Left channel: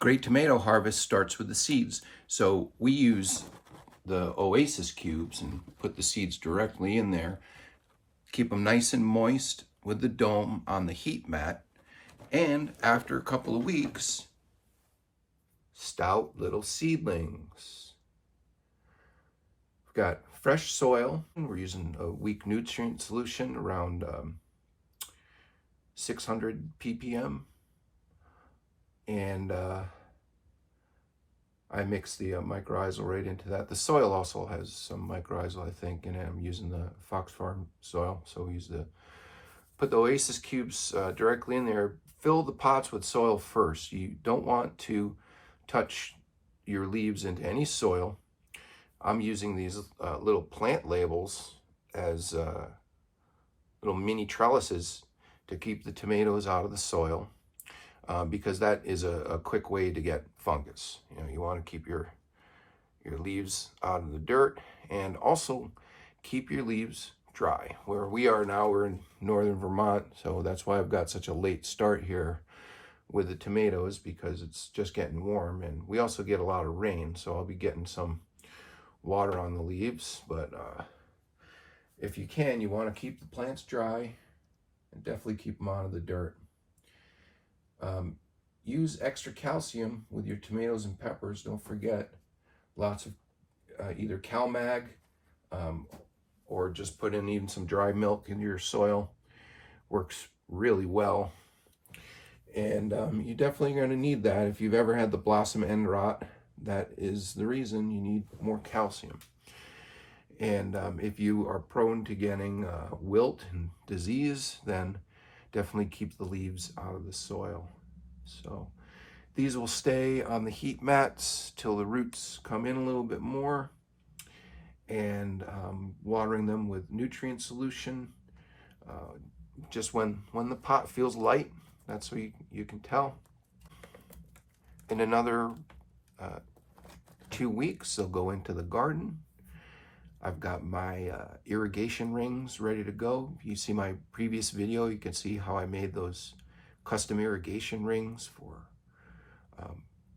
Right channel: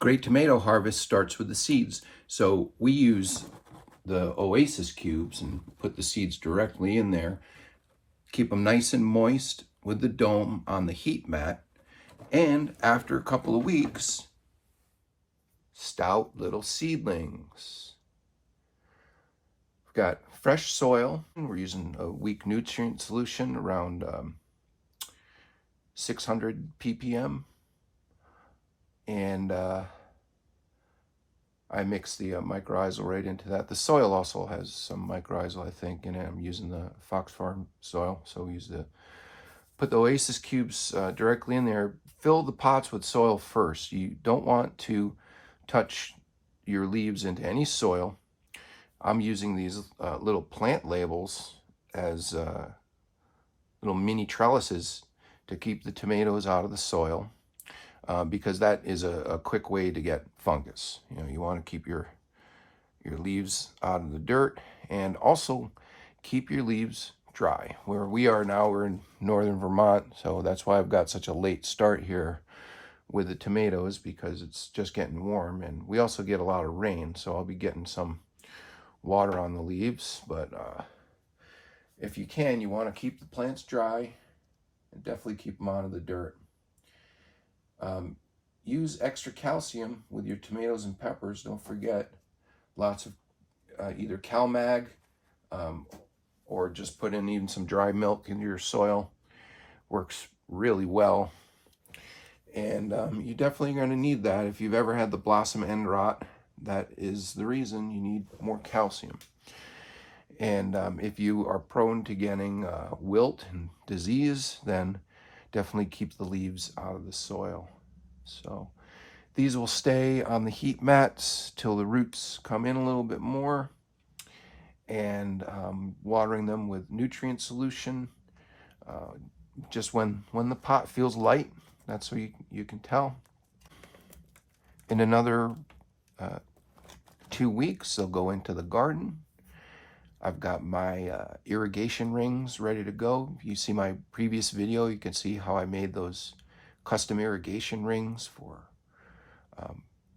Great tomato harvest starts with the seeds. So we use the Oasis cubes and put the seeds directly in there. Keep them nice and moist with the dome on the heat mat. And after a couple of weeks, stout little seedlings. We've got fresh soil. We're using a weak nutrient solution around 600 ppm. And I mix the mycorrhizal right into that. The soil also has some mycorrhizal, I think, in it. I'm using the Fox Farm soil, so we put the Oasis cubes directly in there. Fill the pots with soil first. You don't want to touch your leaves into any soil. I'm using these little plant labels as little mini trellises to keep the tomatoes out of the soil. Because that is a quick way to get fungus. You want to keep your leaves out of the dirt, and also keep your leaves dry. Where we are now, we're in northern Vermont, so that's why I've got such a late start here with the tomatoes, because it's just getting warm, and we also get a lot of rain, so I'll be getting some water on the leaves. But if you can, you want to keep the plants dry and definitely keep them out of the dirt. Use extra calcium with your tomatoes and peppers. Don't forget, lots of either CalMag or just put in even some dry milk into your soil. Works really well. And you're definitely going to need that. If you've ever had the blossom end rot, that is the reason you need more calcium. And if you are prone to getting wilt and disease, then definitely keep the leaves out of the soil. So these will stay on the heat mats till the roots come in a little bit more, and watering them with nutrient solution just when the pot feels light. That's what you can tell. In another 2 weeks, they'll go into the garden. I've got my irrigation rings ready to go. If you see my previous video, you can see how I made those custom irrigation rings for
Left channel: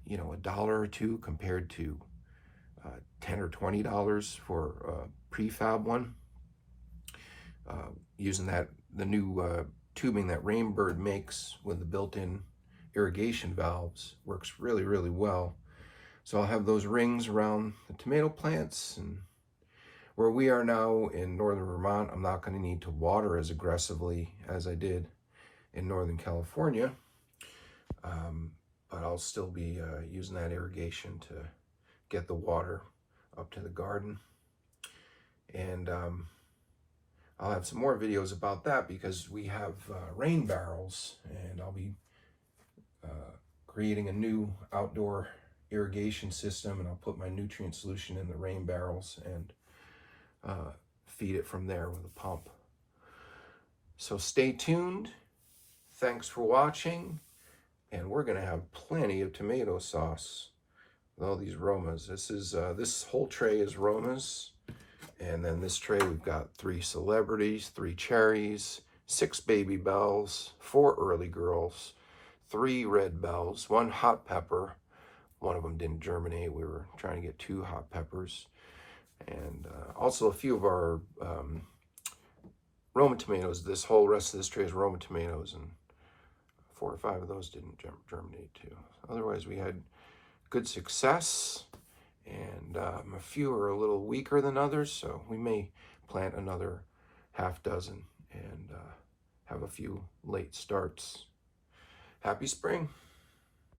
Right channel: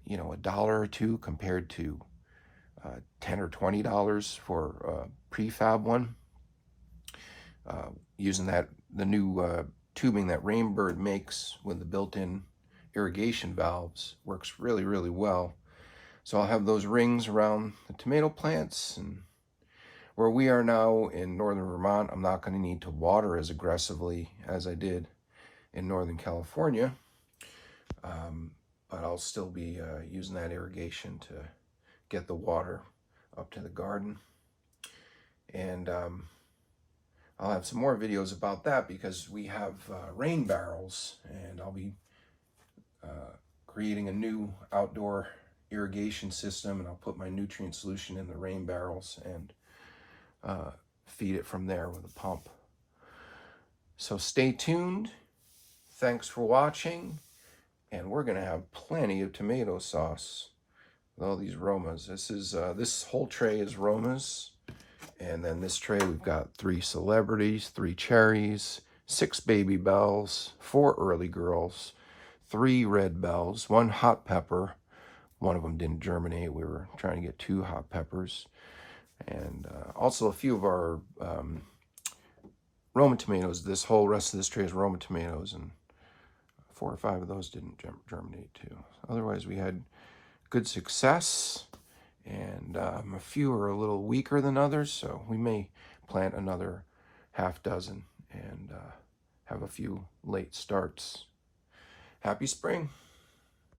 $1 or $2 compared to $10 or $20 for a prefab one. Using the new tubing that Rainbird makes with the built-in irrigation valves works really, really well. So I'll have those rings around the tomato plants. And where we are now in northern Vermont, I'm not going to need to water as aggressively as I did in Northern California, but I'll still be using that irrigation to get the water up to the garden. And I'll have some more videos about that, because we have rain barrels, and I'll be creating a new outdoor irrigation system, and I'll put my nutrient solution in the rain barrels and feed it from there with a pump. So stay tuned. Thanks for watching, and we're going to have plenty of tomato sauce with all these Romas. This whole tray is Romas, and then this tray we've got 3 celebrities, 3 cherries, 6 baby bells, 4 early girls, 3 red bells, 1 hot pepper. One of them didn't germinate. We were trying to get 2 hot peppers, and also a few of our Roma tomatoes. This whole rest of this tray is Roma tomatoes, and 4 or 5 of those didn't germinate too. Otherwise, we had good success, and a few are a little weaker than others, so we may plant another half dozen and have a few late starts. Happy spring.